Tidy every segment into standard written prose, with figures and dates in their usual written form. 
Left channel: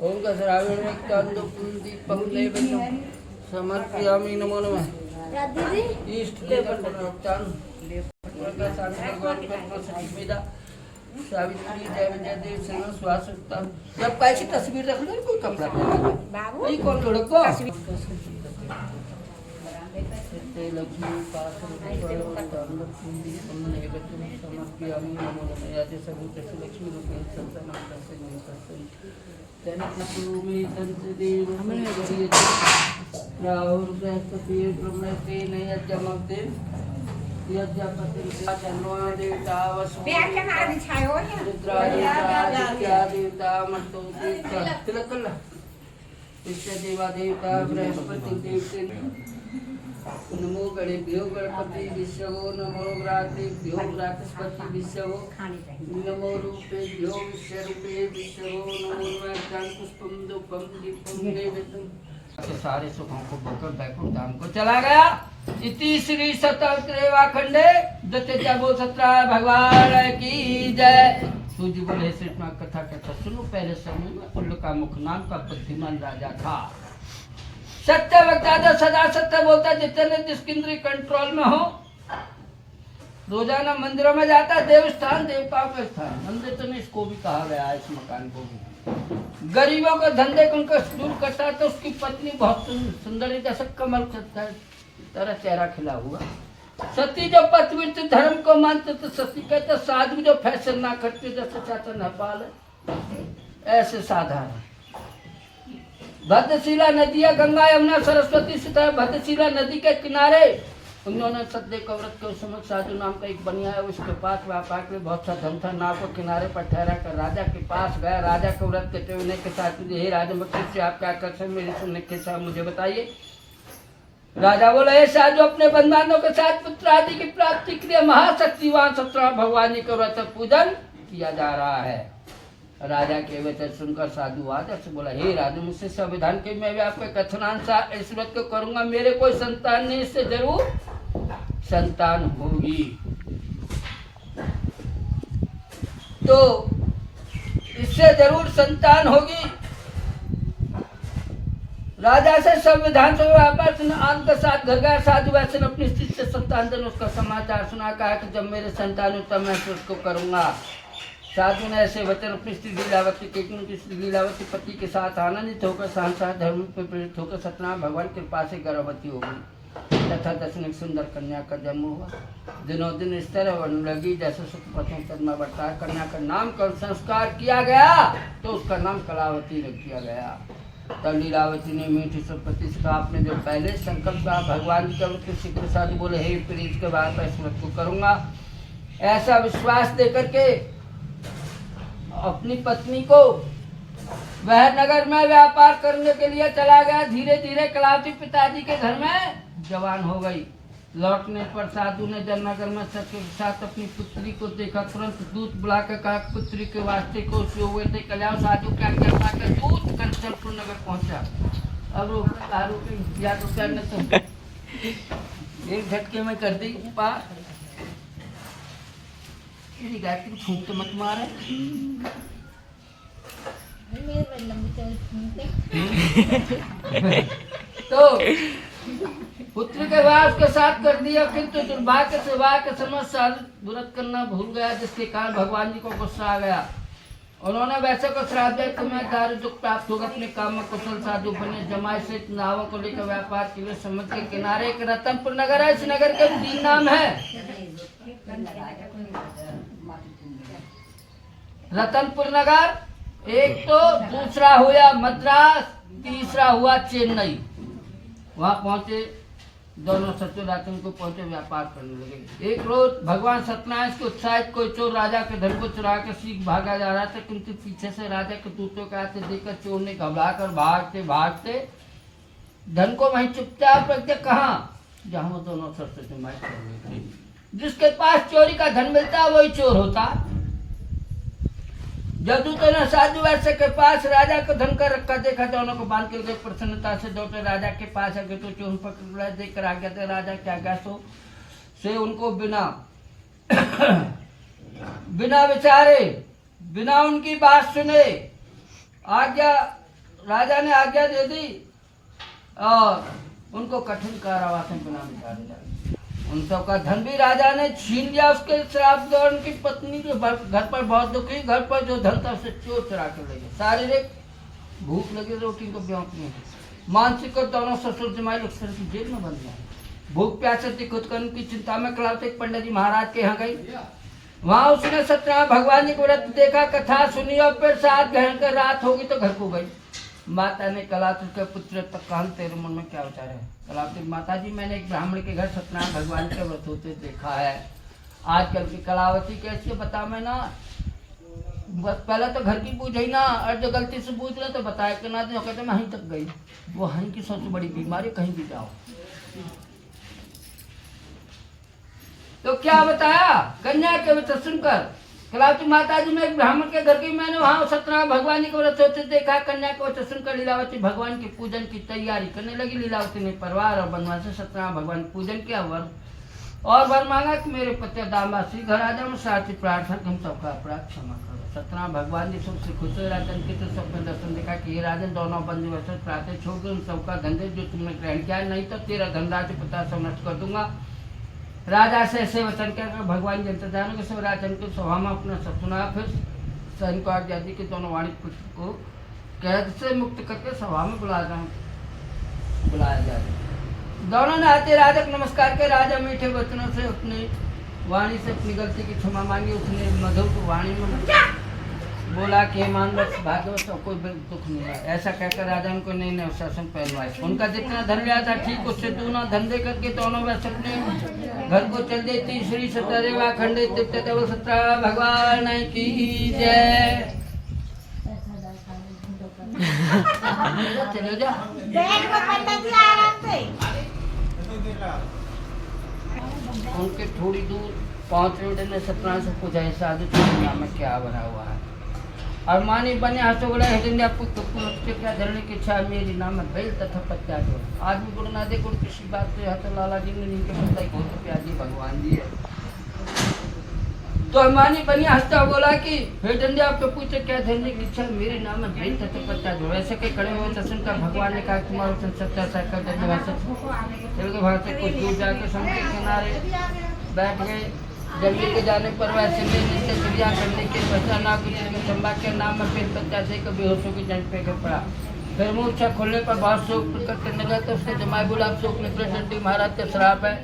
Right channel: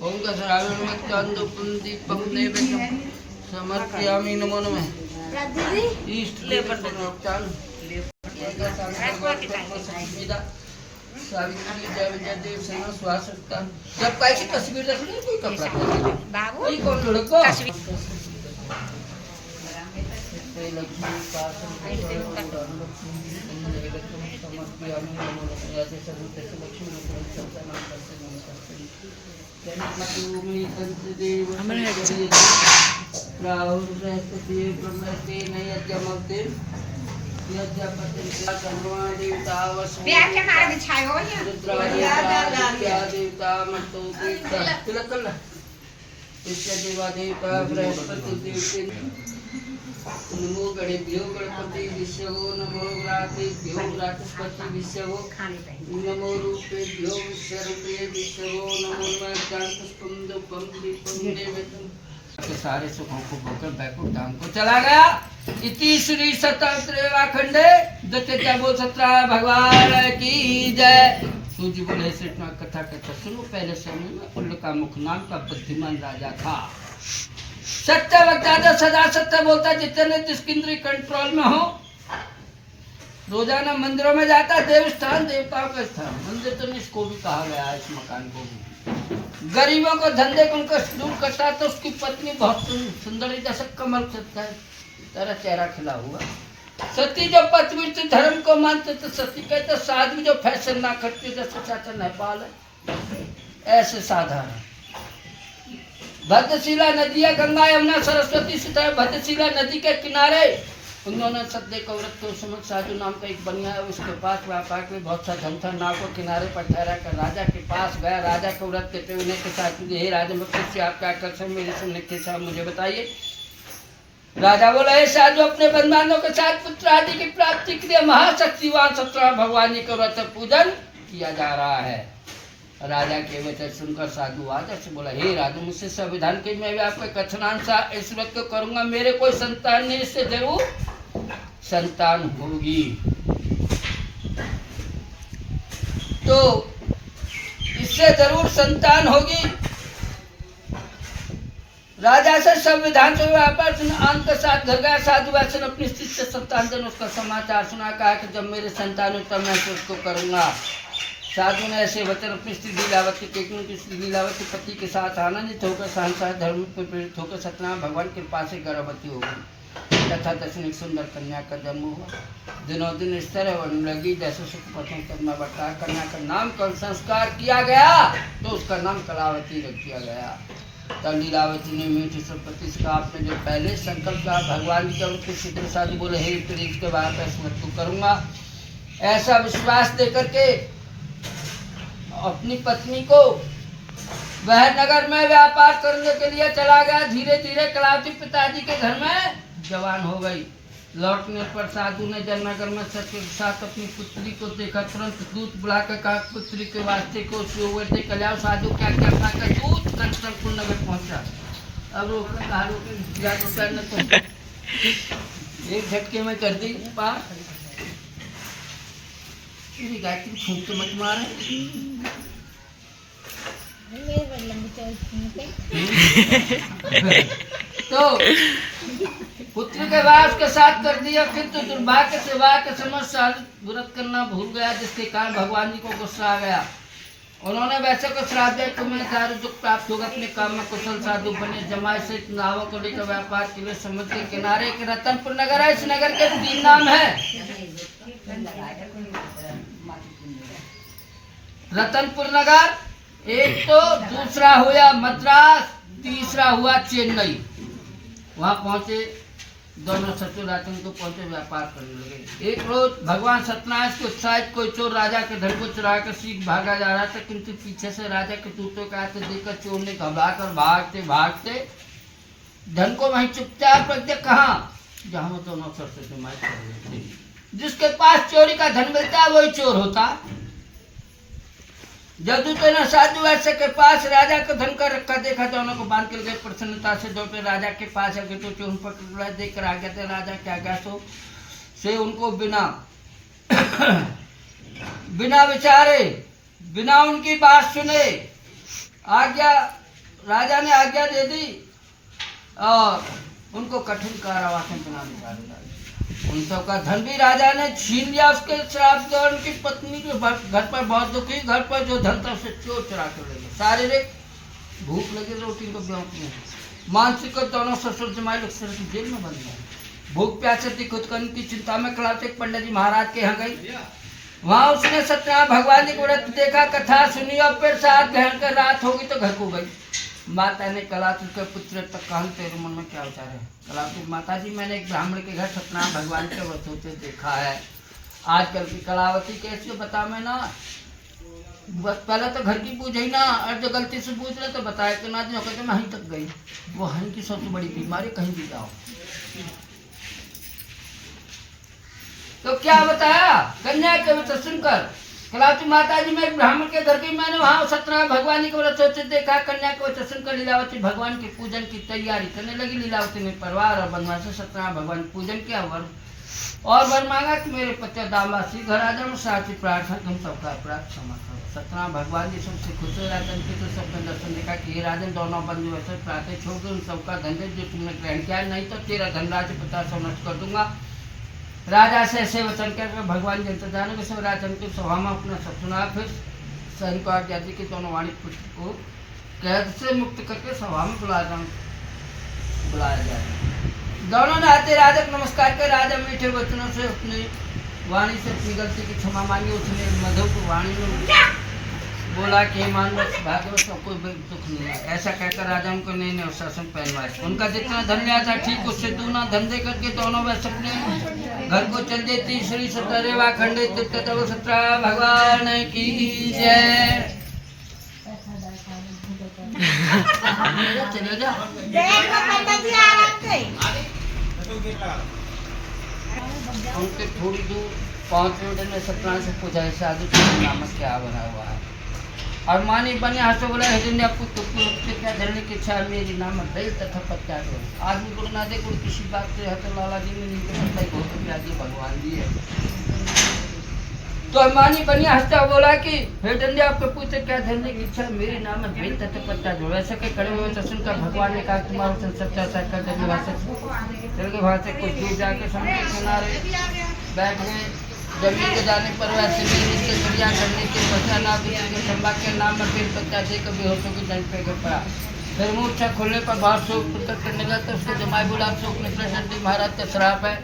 ओम का श्रावण में चंदु पुंदी पहुले बेचम समर्पयामि नमो नमः इष्ट ले पर उपचार ले सावित्री जय विजय देव सेना स्वास्थ्य जब काय की तस्वीर रख लो कोई कपड़ा बाबू ये कौन लड़को लक्ष्मी पास समर्पयामि नमो नमः याते सर्वते लक्ष्मी रूपेण संतनाम करते नमस्ते राहुल बृहस्पति ब्रह्मस्ते नयज्ञमते यज्ञपति देवता देवता मतो तिलकल्ला इष्ट देवा देवता बृहस्पति देवते नमो गणेभ्यो गणपति विश्वो नमो व्रातेभ्यो व्रातस्पति विश्वो नमो रूपेभ्यो विश्वरूपे विश्वो नमो पुष्पम दुपम दीपम देवतम के सारे सुखों को भोकर बैकुंठ धाम को चला गया। इति श्री सतत्रेवा खंडे दत्ते बोल सत्रा भगवान की जय। सूजी बोले कृष्ण कथा कहता सुनो पहले समय में उल्लू का मुख नाम का बुद्धिमान राजा था। सत्य लगता था सदा सत्य बोलता जितने जिसकी इंद्रिय कंट्रोल में हो। रोजाना मंदिरों में जाता देव स्थान देवताओं का स्थान मंदिर तो नहीं इसको भी कहा गया है इस मकान को भी। गरीबों को धंधे को उनका शुरू करता तो उसकी पत्नी बहुत सुंदर जैसे कमल का तरह चेहरा खिला हुआ। सती जो पतिव्रत धर्म को मानते तो सती कहते साधु जो फैशन ना करते जैसे चाचा नेपाल है ऐसे साधारण। भद्रशिला नदियां गंगा यमुना सरस्वती सीता भद्रशिला नदी के किनारे उन्होंने सत्य कौरत के समक्ष साधु नाम का एक बनिया है उसके पास व्यापार के बहुत सा धम था नाव को किनारे पर ठहरा कर राजा के पास गया। राजा कौरत कहते उन्हें के साथ हे राजा मत से आपका आकर्षण मेरे सुनने के साथ मुझे बताइए। राजा बोला हे साधु अपने बंधुओं के साथ पुत्र आदि की प्राप्ति के लिए महाशक्तिवान सत्रह भगवान जी का व्रत पूजन किया जा रहा है। राजा के वचन सुनकर साधु आदर से बोला हे राजू मुझसे संविधान के मैं भी आपका कथनानुसार इस व्रत को करूंगा। मेरे कोई संतान नहीं इससे जरूर संतान होगी। तो इससे जरूर संतान होगी। राजा से संविधान से व्यापार आन के साथ घर गया। साधु वैसे अपनी स्थिति से संतान जन उसका समाचार सुना कहा कि जब मेरे संतान हो तब मैं उसको करूंगा। साधु ने ऐसे वचन अपनी स्त्री लीलावती के स्त्री लीलावती पति के साथ आनंदित होकर सांसार धर्म पर प्रेरित होकर सत्यनारायण भगवान की कृपा से गर्भवती हो गई तथा दशमी सुंदर कन्या का जन्म हुआ। दिनों दिन इस तरह होने लगी जैसे सुख पत्नी करना बढ़ता है। कन्या का नामकरण संस्कार किया गया तो उसका नाम कलावती रख दिया गया। तब लीलावती ने मीठी पति से कहा आपने जो पहले संकल्प कहा भगवान जी के सिद्ध साधु बोले हे प्रीत के बाद इस व्रत को करूंगा। ऐसा विश्वास देकर के अपनी पत्नी को वह नगर में व्यापार करने के लिए चला गया। धीरे धीरे कलावती पिताजी के घर में जवान हो गई। लौटने पर साधु ने जननगर में सत्य के साथ अपनी पुत्री को देखा। तुरंत दूत बुलाकर कहा पुत्री के वास्ते को सुवते कल्याण। साधु क्या क्या कर दूत कंचनपुर नगर पहुंचा। अब रोके तो करने तो एक झटके में कर दी पास। गायत्री फूंक तो मत मारे। तो पुत्र के वास के साथ कर दिया किंतु दुर्भाग्य से वाह के समय व्रत करना भूल गया जिसके कारण भगवान जी को गुस्सा आ गया। उन्होंने वैसे को श्राप दिया तुम्हें दारू दुख प्राप्त होगा। अपने काम में कुशल साधु बने। जमाई से नावों को लेकर व्यापार के लिए समुद्र के किनारे के रतनपुर नगर है। इस नगर के 3 नाम है रतनपुर नगर एक तो, दूसरा हुआ मद्रास, तीसरा हुआ चेन्नई। वहां पहुंचे दोनों सचो रातन को पहुंचे व्यापार करने लगे। एक रोज भगवान सत्यनारायण को उत्साहित कोई चोर राजा के धन को चुरा कर सीख भागा जा रहा था किंतु पीछे से राजा के दूतों का हाथ देखकर चोर ने घबरा कर भागते भागते धन को वहीं चुपचाप रख दिया। कहाँ जहाँ वो दोनों सरस्वती माई कर रहे थे। जिसके पास चोरी का धन मिलता वही चोर होता। जदूतों ने साधु वैश्य के पास राजा को धन कर रखा देखा दोनों को बांध कर गए। प्रसन्नता से दौड़े राजा के पास आगे तो चोर पकड़ देख कर आ गया था। राजा क्या गया से उनको बिना विचारे बिना उनकी बात सुने आज्ञा राजा ने आज्ञा दे दी और उनको कठिन कारावास में बना दिया। उन सबका धन भी राजा ने छीन लिया उसके श्राप से। उनकी पत्नी के घर पर बहुत दुखी, घर पर जो धन था उसे चोर चुरा कर ले गए। शारीरिक भूख लगी रोटी को ब्योंकने, मानसिक और दोनों ससुर जमाई लोग सर की जेल में बंद गए। भूख प्यासे थी, खुद करने की चिंता में कलाते पंडित जी महाराज के यहाँ गई। वहां उसने सत्यनारायण भगवान जी को व्रत देखा, कथा सुनी और फिर साथ घर कर रात होगी तो घर को गई। माता ने कलातुर के पुत्र तक कहा तेरे मन में क्या विचार है? कलातुर माता जी मैंने एक ब्राह्मण के घर सत्यनारायण भगवान के व्रत होते देखा है। आजकल की कलावती कैसे बता मैं ना, पहले तो घर की पूछ ही ना, और जो गलती से पूछ रहे तो बताया कि ना जो कहते मैं वहीं तक गई। वो हन की सबसे बड़ी बीमारी, कहीं भी जाओ। तो क्या बताया कन्या के व्रत सुनकर कलावती माता जी में एक ब्राह्मण के घर गई। मैंने वहाँ सत्यनारायण भगवान के व्रत होते देखा। कन्या के व्रत सुनकर लीलावती भगवान के पूजन की तैयारी करने लगी। लीलावती ने परिवार और बनवास से सत्यनारायण भगवान पूजन किया और वर मांगा कि मेरे पति दामाद श्री घर आ जाओ। साथ ही प्रार्थना तुम सबका अपराध क्षमा करो। सत्यनारायण भगवान जी सबसे खुश हुए। राजन के तो सबने दर्शन देखा कि ये राजन दोनों बंधु वैसे प्रार्थना छोड़ दो, उन सबका धन जो तुमने ग्रहण किया, नहीं तो तेरा धनराशि 50 नष्ट कर दूंगा। राजा से ऐसे वचन कर भगवान जी इंतजार के सब राजन को सभा में अपना सब सुना। फिर सैनिक और आदि के दोनों वाणी पुत्र को कैद से मुक्त करके सभा में बुलाया जाए। दोनों ने आते राजा को नमस्कार कर राजा मीठे वचनों से अपनी वाणी से अपनी गलती की क्षमा मांगी। उसने मधुर वाणी में बोला कि मानवत भागवत कोई दुख नहीं है। ऐसा कहकर राजा उनको नए नए शासन पहनवाए। उनका जितना धन लिया था ठीक उससे दूना धन दे करके दोनों वह अपने घर को चल देती। श्री सतरेवा खंडे सत्यनारायण भगवान की जय। चले जा उनके थोड़ी दूर 5 मिनट में सत्यनारायण से पूछा है साधु के नाम में क्या बना हुआ है। और मानी बने हाथों बोला है आपको क्या धरने की इच्छा है मेरी नाम में बेल तथा पत्या दो। आदमी गुरु ना दे गुरु किसी बात से है तो लाला जी में नहीं पता बहुत प्याजी भगवान जी है। तो मानी बनी हंसता बोला कि हे डंडे आपको पूछे क्या धरने की इच्छा मेरे नाम में बेल तथा पत्या दो। ऐसे कई खड़े हुए तो सुनकर भगवान ने कहा तुम्हारा सच्चा साइकिल तेलुगु भाषा से कुछ दूर जाकर समुद्र किनारे बैठ गए। जमीन के जाने पर वह चिड़िया करने के खंबा के नाम में पेड़ पत्ता से कभी हो सके जल पे पड़ा। फिर मुँह अच्छा खोलने पर बहुत शोक प्रकट करने लगा तो उसके जमाई गुलाब शोक निकले नंदी महाराज का श्राप है,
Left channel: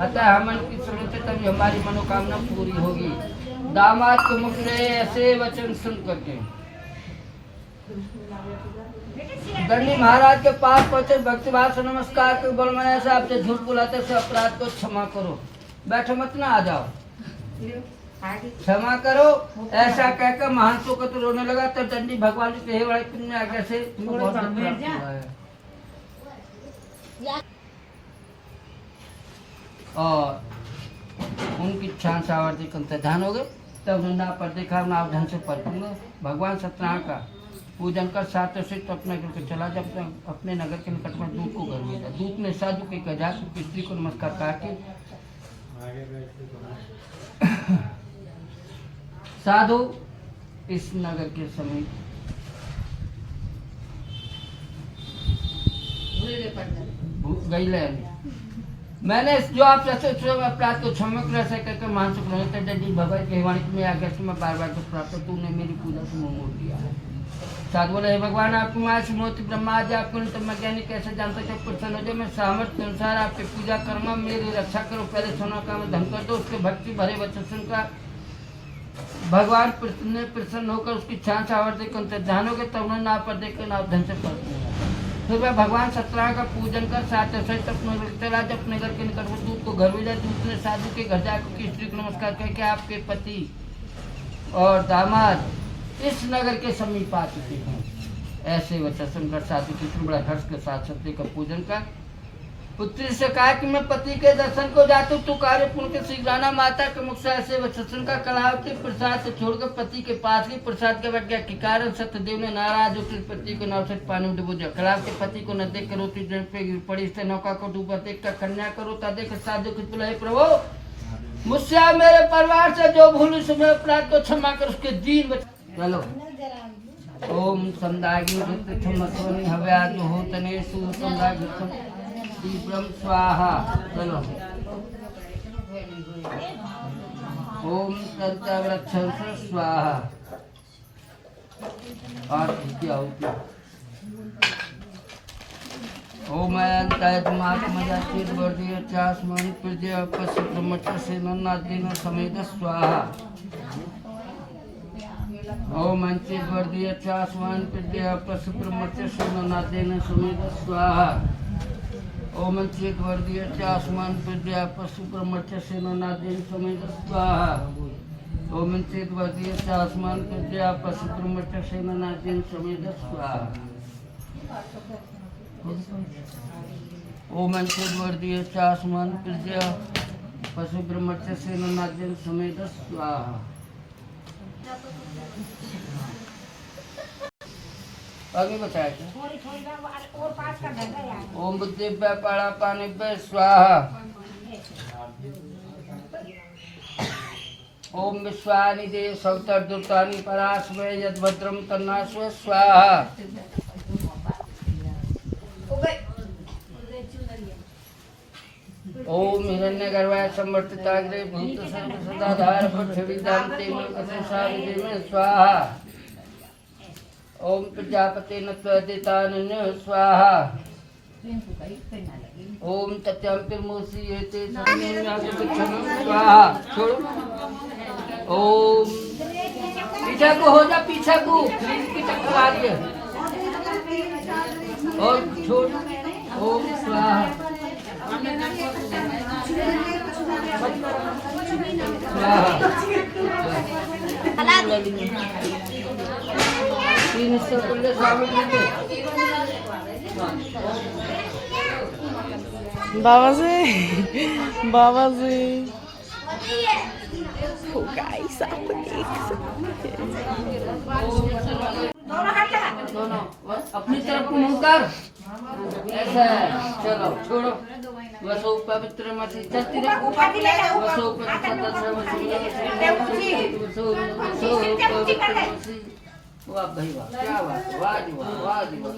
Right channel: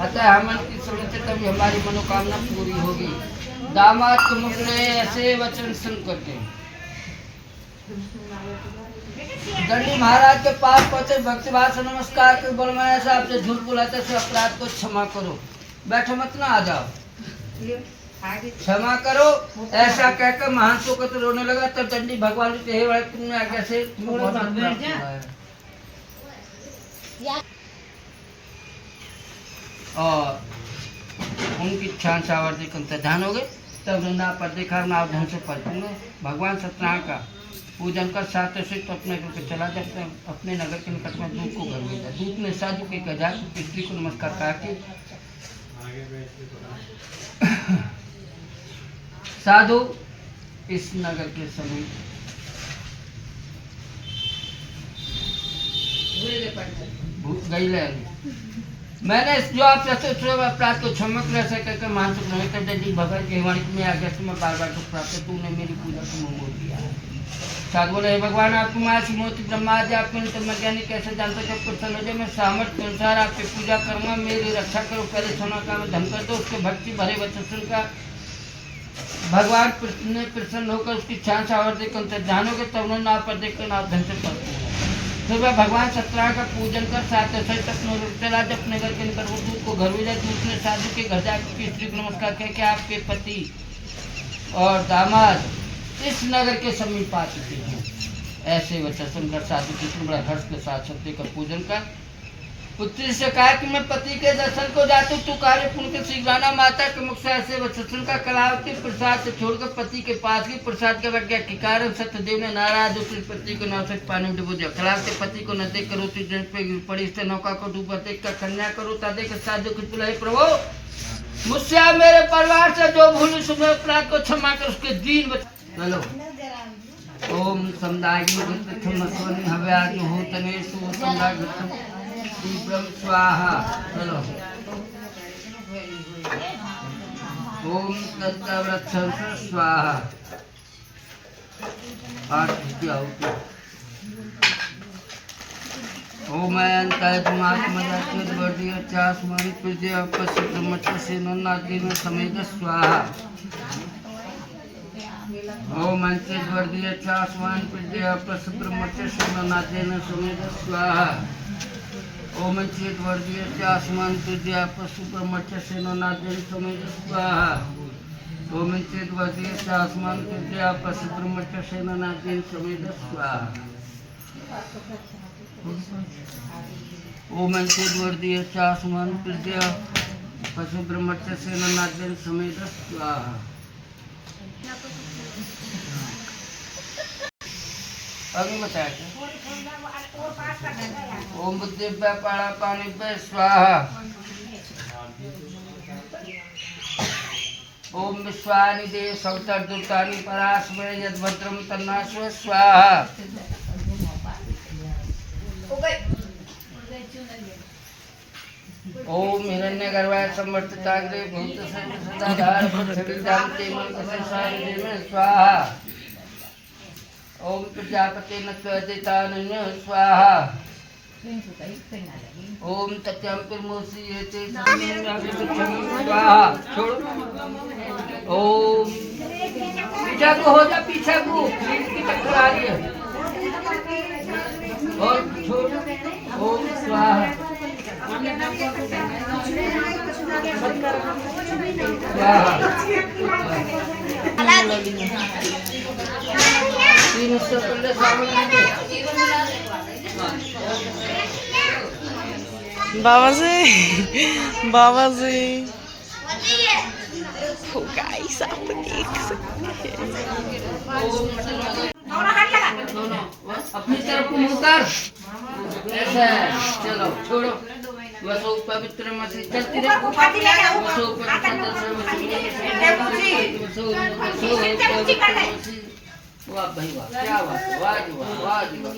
अतः हमन की सुन से तभी हमारी मनोकामना पूरी होगी। दामाद को मुख ले ऐसे वचन सुन करके दंडी महाराज के पास पहुंचे। भक्तिभाव से नमस्कार कर बोल मैंने साहब से झूठ बुलाते से अपराध को क्षमा करो, बैठो मत ना आ जाओ, क्षमा करो। ऐसा कहकर महान शोकत रोने लगा। तो दंडी भगवान के हे भाई तुमने आज्ञा से और उनकी क्षण सावर्ती कम ध्यान हो गए। तब ना पर देखा ना ढंग से परिपूर्ण भगवान सत्यनारायण का पूजन कर साथ से अपने को चला। जब अपने नगर के निकट में दूत को घर भेजा। दूत ने साधु के गजा स्त्री को नमस्कार कहा कि साधु इस नगर के समीप गई मैंने जो आप अपराध को क्षमा कर सके मानसिक भगवान के वाणी में आ गया मैं बार बार प्राप्त तूने मेरी पूजा को मोड़ दिया है। साधु बोले भगवान आप कुमार मोती ब्रह्मा जी आप ज्ञानी कैसे जान सके प्रसन्न मैं सामर्थ्य के अनुसार आपकी पूजा करूँगा, मेरी रक्षा करो। पहले सोना का मैं धन कर दो। उसके भक्ति भरे वचन सुनकर भगवान ने प्रसन्न होकर उसकी क्षण सावर्ती को ध्यान हो गए। तब उन्होंने आप पर देखकर नाप धन से पढ़ते हैं। फिर वह भगवान सत्यनारायण का पूजन कर साथ चला। जब नगर के निकट वो दूत को घर भेजा। दूत ने साधु के घर जाकर स्त्री को नमस्कार किया कि आपके पति और दामाद इस नगर के समीप आ चुके हैं। ऐसे वचन सुनकर साधु पुत्र बड़ा हर्ष के साथ सत्य का पूजन कर पुत्री से कहा कि मैं पति के दर्शन को जाता हूँ, तू कार्य पूर्ण के शीघ्राना। माता के मुख से ऐसे वचन का कलावती प्रसाद से छोड़कर पति के पास ही प्रसाद के बैठ गया। कि कारण सत्यदेव ने नाराज होकर पति को नौसठ पानी में डुबो दिया। कलावती पति को न देख कर रोती जल पे गिर पड़ी। इससे नौका को डूबा देख कर कन्या करो ता देख साधु की तुलही प्रभु मुझसे मेरे परिवार से जो भूल सुबह अपराध को क्षमा कर उसके दीन चलो ओम समदायिनी रुद्रमस्वनि हव्याजुहोतने सुसंदाघृतम तीव्रम स्वाहा। चलो ओम तंत्रवृक्षं स्वाहा। पाठ किया हो क्या? ओम अयंतात्मात्मजाच्युतवर्धीय चास्मन् पृथ्वी पश्य ब्रह्मचर्येन समेत स्वाहा। ओम अंत्यवर्धीय चास्मन् पृथ्वी पश्य ब्रह्मचर्येन समेत स्वाहा। ओम अंत्यवर्धीय चास्मन् पृथ्वी पश्य ब्रह्मचर्येन समेत स्वाहा। ओम अंत्यवर्धीय चास्मन् पृथ्वी पश्य ब्रह्मचर्येन समेत स्वाहा। ओम अंत्यवर्धीय चास्मन् पृथ्वी पशु ब्रह्मचर्येन समेत स्वाहा। आगे बताया ओम बुद्धिभ्य पाणिभ्य स्वाहा। ओम विश्वानि देव सौतर्दूतानि परास्वे यद्भद्रं तन्नास्व स्वाहा। ओम हिरण्यगर्भाय संवर्तिताग्रे भूतसेन सदाधार पृथ्वीदान्ते में स्वाहा। ओम प्रजापते नत्वदितानन्य स्वाहा। ओम तत्यंपिर्मोसी येते स्वाहा। छोड़ो। ओम पीछा को हो जा, पीछा को की चक्कर आ रही है और छोड़। ओम स्वाहा। बाबा से तो गाइस आप देख सकते हैं। दोनों अपनी तरफ मुंह कर ऐसा है। चलो छोड़ो। वसो पवित्र मसी चलती रहे। वसो पवित्र मसी। वाह भाई वाह, क्या बात है, वाह जी वाह, वाह जी वाह।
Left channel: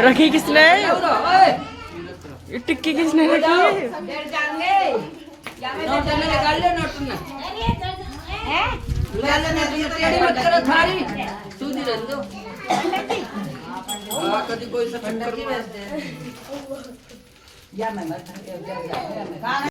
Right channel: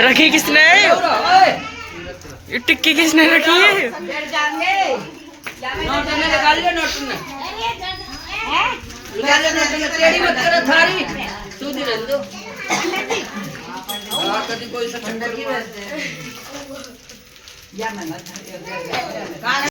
रखी किसने? ये टिक्की किसने रखी है? कभी कोई